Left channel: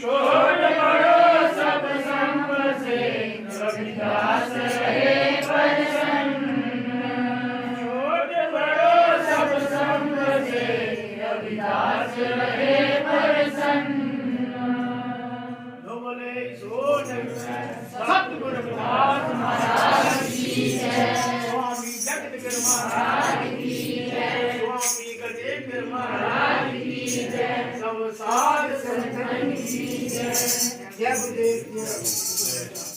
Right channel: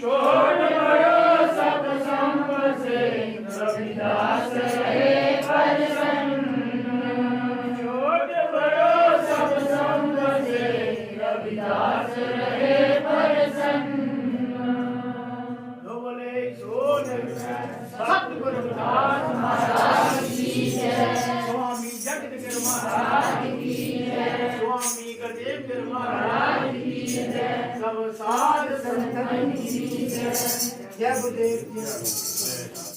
छोड़ बड़ो सब संग से रविदास रहे प्रसन्न। छोड़ बड़ो सब संग से रविदास रहे प्रसन्न। बोले सतगुरु रघुनाथ महाराज की जय। स्वामी जगदगिर महाराज की जय। स्वामी गजेंद्र महाराज की जय। सब साध संतन की जय। जय गुरुदेव।